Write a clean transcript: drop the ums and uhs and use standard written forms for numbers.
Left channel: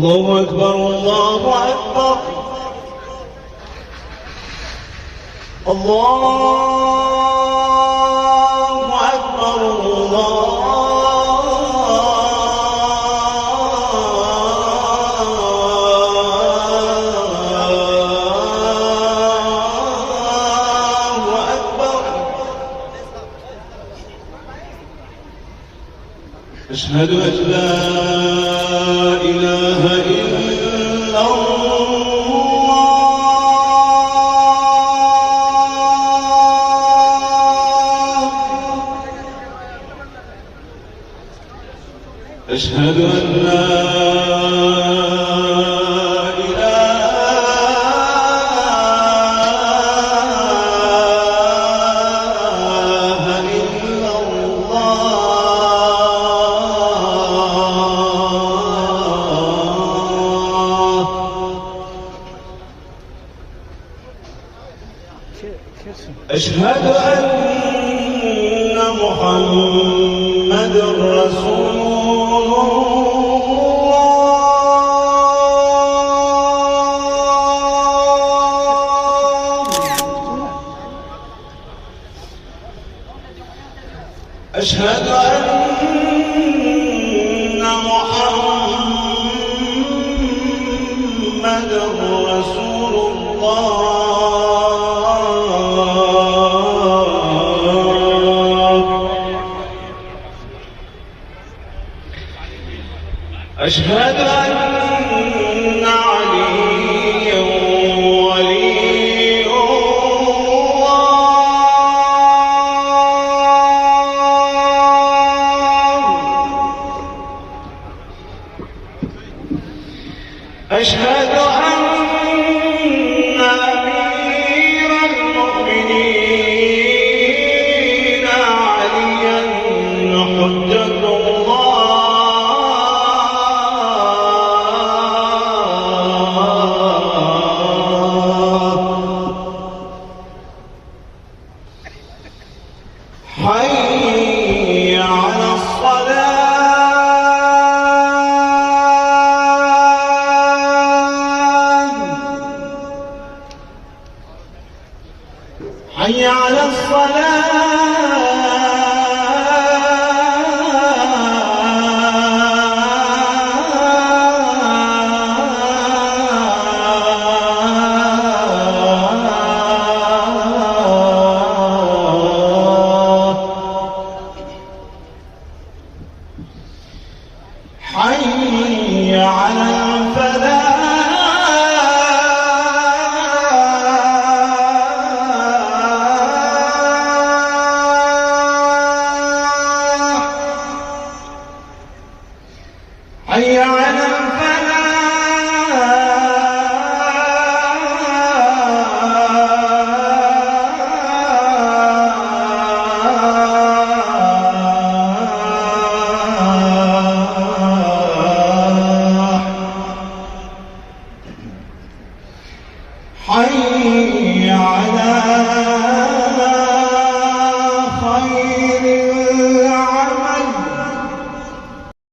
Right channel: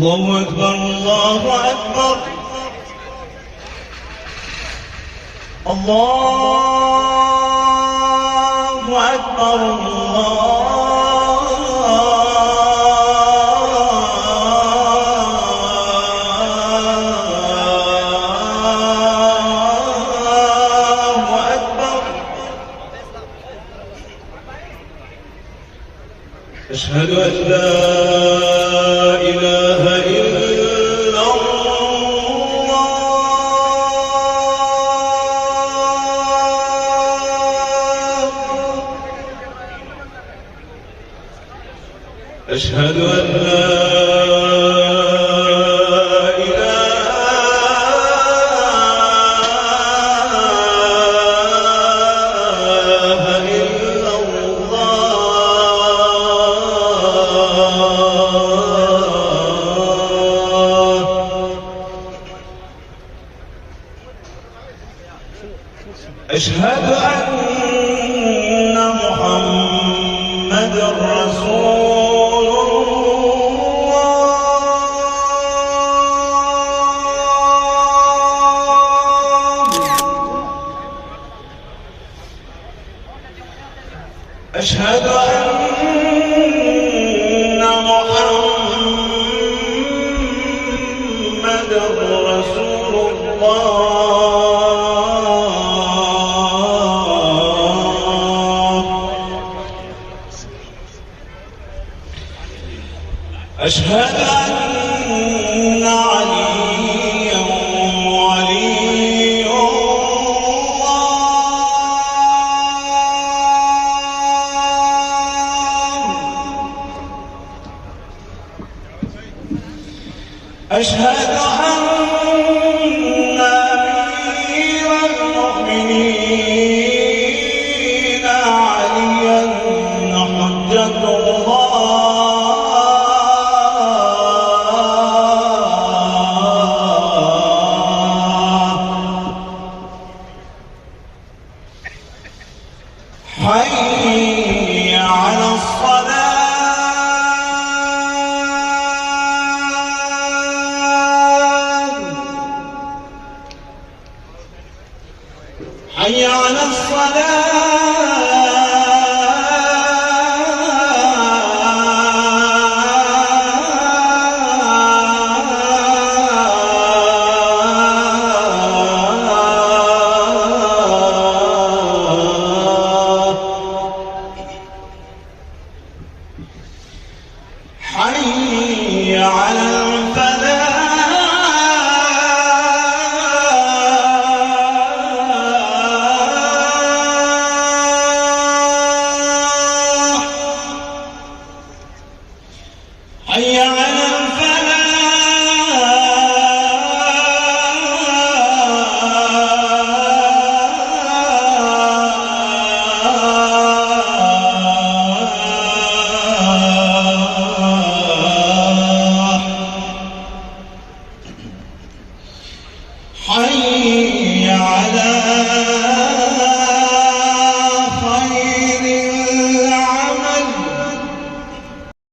الله أكبر الله أكبر الله أكبر الله أكبر. أشهد أن لا إله إلا الله. أشهد أن لا إله إلا الله. أشهد أن محمدًا رسول الله. أشهد أن محمدًا رسول الله. أشهد أن عليا ولي الله. أشهد أن أمير المؤمنين عليا حجة الله. حي على الصلاة. حي على حي على الفلاح. حي على الفلاح. حي